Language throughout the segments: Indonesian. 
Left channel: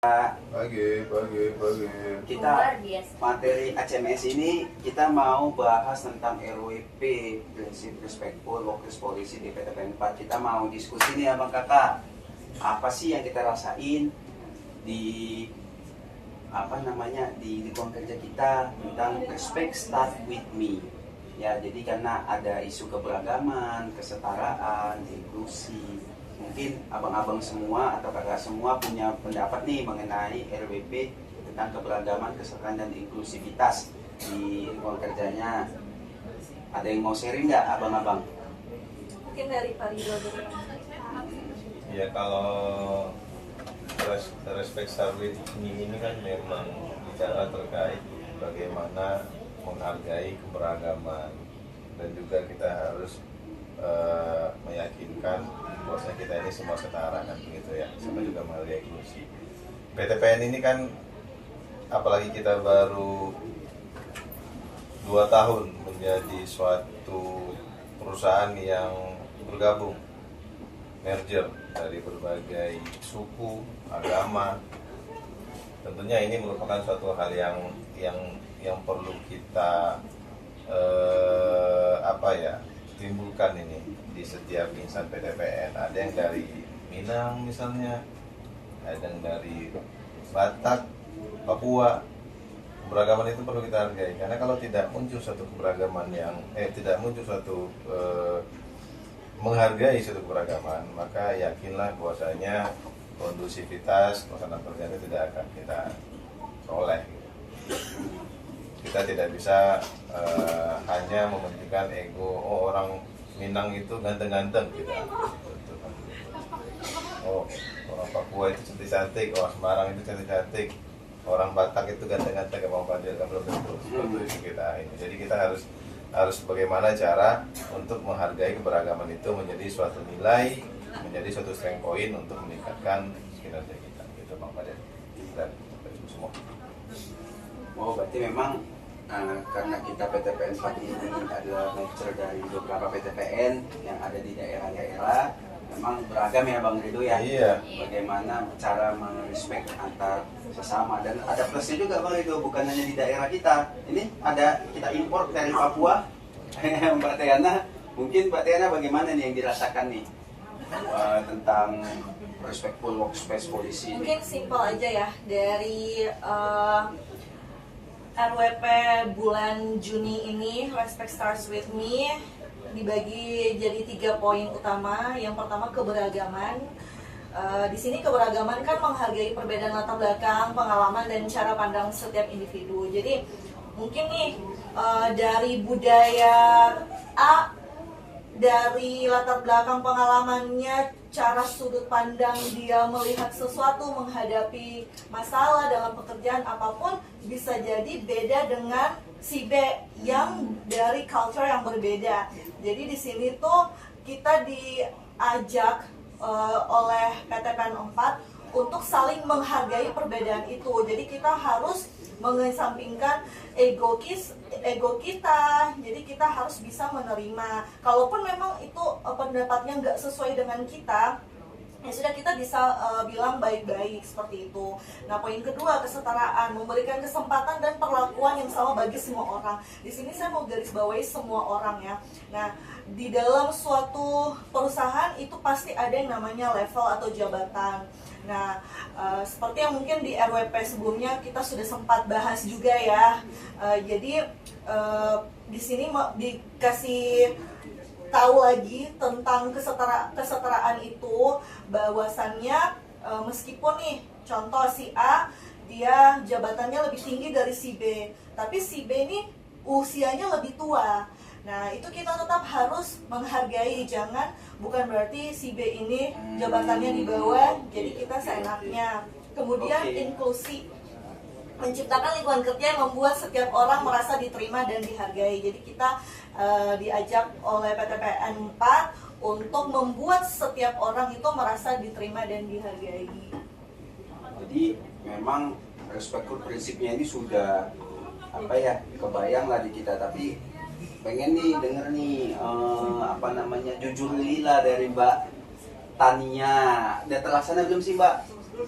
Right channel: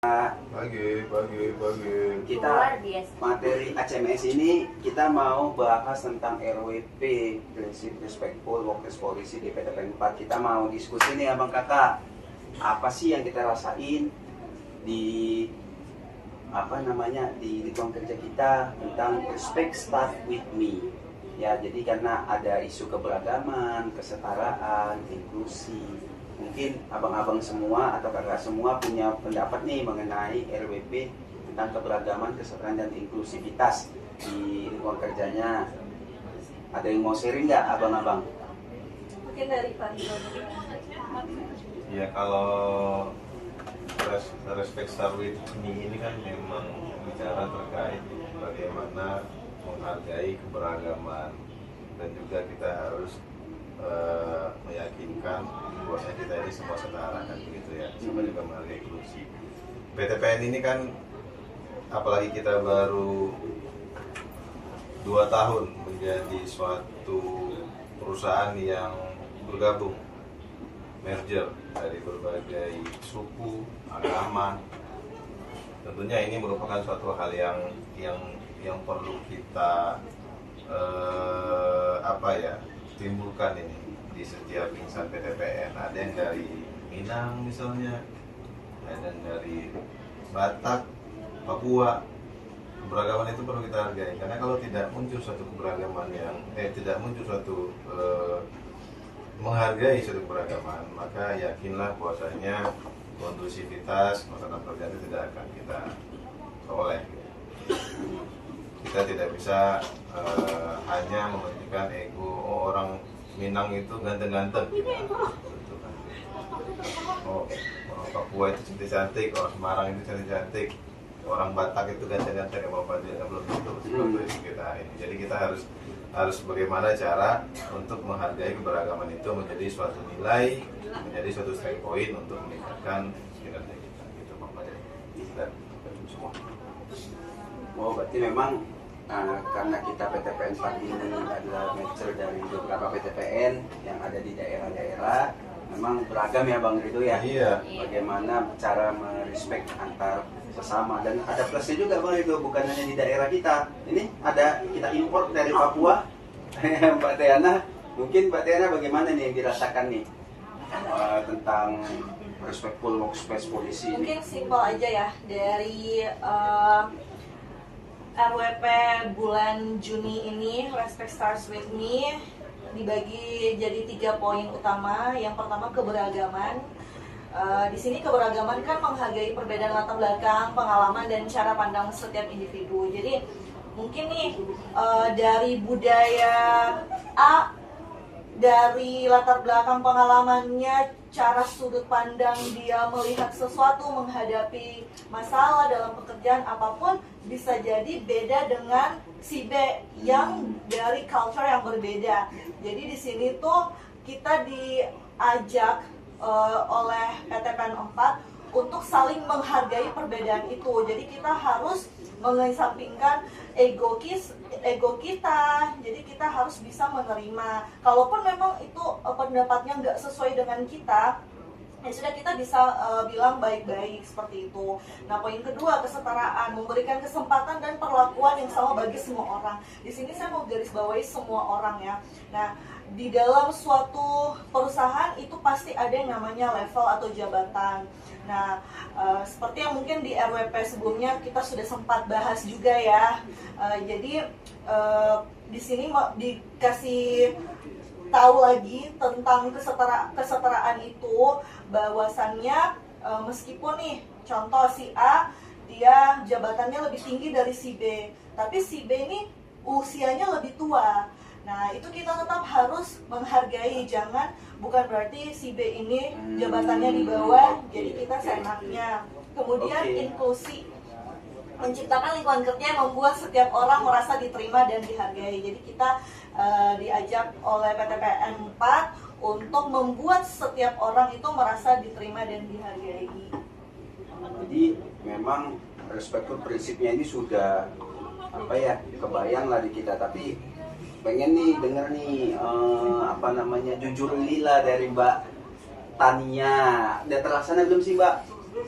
Pagi. Kita materi ACMS ini kita mau bahas tentang RWP, prinsip respectful workplace policy di PTPN 4. Kita mau diskusi nih abang kakak, apa sih yang kita rasain di di lingkungan kerja kita tentang respect start with me. Ya, jadi karena ada isu keberagaman, kesetaraan, inklusi. Mungkin abang-abang semua atau kakak semua punya pendapat nih mengenai RWP tentang keberagaman, kesetaraan, dan inklusivitas di lingkungan kerjanya. Ada yang mau sharing nggak abang-abang? Mungkin dari Pak Rido dulu. Ya, kalau respect start with me ini kan memang bicara terkait bagaimana menghargai keberagaman, dan juga kita harus meyakinkan bahwasanya kita ini semua setara, kan begitu ya, semua juga menghargai inklusi. PTPN ini kan apalagi kita baru 2 tahun menjadi suatu perusahaan yang bergabung, merger dari berbagai suku, agama. Tentunya ini merupakan suatu hal yang perlu kita timbulkan ini di setiap insan PTPN. Ada yang dari Minang misalnya, ada yang dari Batak, Papua. Keberagaman itu perlu kita hargai, karena kalau tidak muncul suatu keberagaman menghargai suatu keberagaman, maka yakinlah bahwasanya kondusivitas pelaksanaan kerja itu tidak akan kita peroleh. Kita tidak bisa hanya mementingkan ego, orang Minang itu ganteng-ganteng gitu. Orang Papua itu cantik-cantik, orang Semarang itu cantik-cantik, orang Batak itu ganteng-ganteng, mau Fadil, nggak perlu itu. Seperti itu kita ini. Jadi kita harus bagaimana cara untuk menghargai keberagaman itu menjadi suatu nilai, menjadi suatu strength point untuk meningkatkan kinerja kita. Gitu Bang Fadil dan semua. Oh, berarti memang karena kita PTPN 4 ini adalah merger dari beberapa PTPN yang ada di daerah-daerah, memang beragam ya Bang Rido ya. Iya. Bagaimana cara merespek antar sesama, dan ada plusnya juga Bang Rido, bukan hanya di daerah kita. Ini ada kita impor dari Papua. Mbak Tiana, mungkin Mbak Tiana bagaimana nih yang dirasakan nih tentang respectful workplace policy ini? Mungkin simpel aja ya, dari RWP bulan Juni ini, Respect Starts With Me, dibagi jadi 3 poin utama. Yang pertama, keberagaman. Di sini keberagaman kan menghargai perbedaan latar belakang, pengalaman, dan cara pandang setiap individu. Jadi mungkin nih dari budaya A, dari latar belakang pengalamannya, cara sudut pandang dia melihat sesuatu, menghadapi masalah dalam pekerjaan apapun, bisa jadi beda dengan si B yang dari culture yang berbeda. Jadi di sini tuh kita diajak oleh PTPN 4 untuk saling menghargai perbedaan itu. Jadi kita harus mengesampingkan ego kita. Jadi kita harus bisa menerima. Kalaupun memang itu pendapatnya nggak sesuai dengan kita, ya sudah, kita bisa bilang baik-baik seperti itu. Nah, poin kedua, kesetaraan, memberikan kesempatan dan perlakuan yang sama bagi semua orang. Di sini saya mau garis bawahi semua orang ya. Nah, di dalam suatu perusahaan itu pasti ada yang namanya level atau jabatan. Nah, seperti yang mungkin di RWP sebelumnya kita sudah sempat bahas juga ya. Jadi di sini dikasih tahu lagi tentang kesetaraan itu, bahwasannya meskipun nih contoh si A dia jabatannya lebih tinggi dari si B, tapi si B ini usianya lebih tua. Nah, itu kita tetap harus menghargai, bukan berarti si B ini jabatannya di bawah, jadi kita seenaknya. Kemudian inklusi, menciptakan lingkungan kerja yang membuat setiap orang merasa diterima dan dihargai. Jadi kita diajak oleh PTPN 4 untuk membuat setiap orang itu merasa diterima dan dihargai. Jadi memang respectful prinsipnya ini sudah kebayang lah di kita, tapi pengen nih denger nih jujur lila dari Mbak Tania. Udah terlaksana belum sih Mbak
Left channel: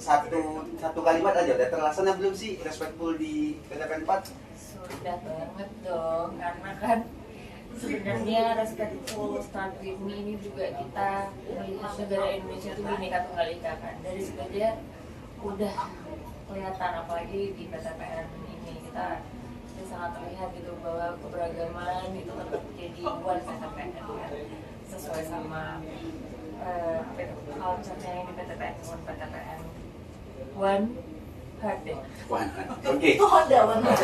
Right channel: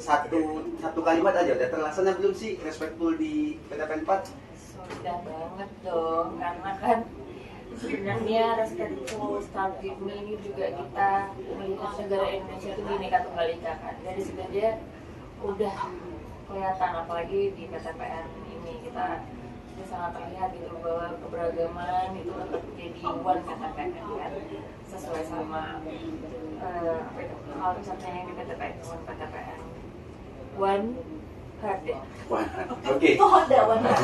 satu kalimat aja udah terlaksana belum sih respectful di PTPN 4? Sudah banget dong, karena kan sebenarnya respectful start with me ini juga kita meliput negara Indonesia itu Bhinneka Tunggal Ika kan. Dari situ aja udah kelihatan, apalagi di PTPN ini kita sangat terlihat gitu bahwa keberagaman itu tetap jadi one PTPN kan, sesuai sama culture-nya yang di PTPN, one PTPN, one heart deh. Oke. Oh, ada benar.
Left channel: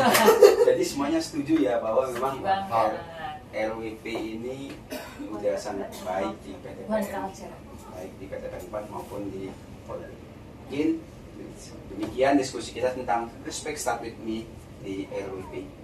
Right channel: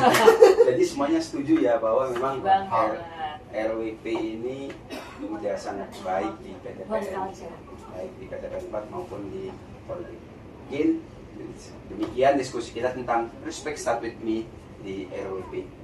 Jadi semuanya setuju ya bahwa memang hal Banget. RWP ini udah sangat baik di One PTPN, culture. baik di PTPN 4 maupun di Polri. Mungkin demikian diskusi kita tentang Respect Start With Me di RWP.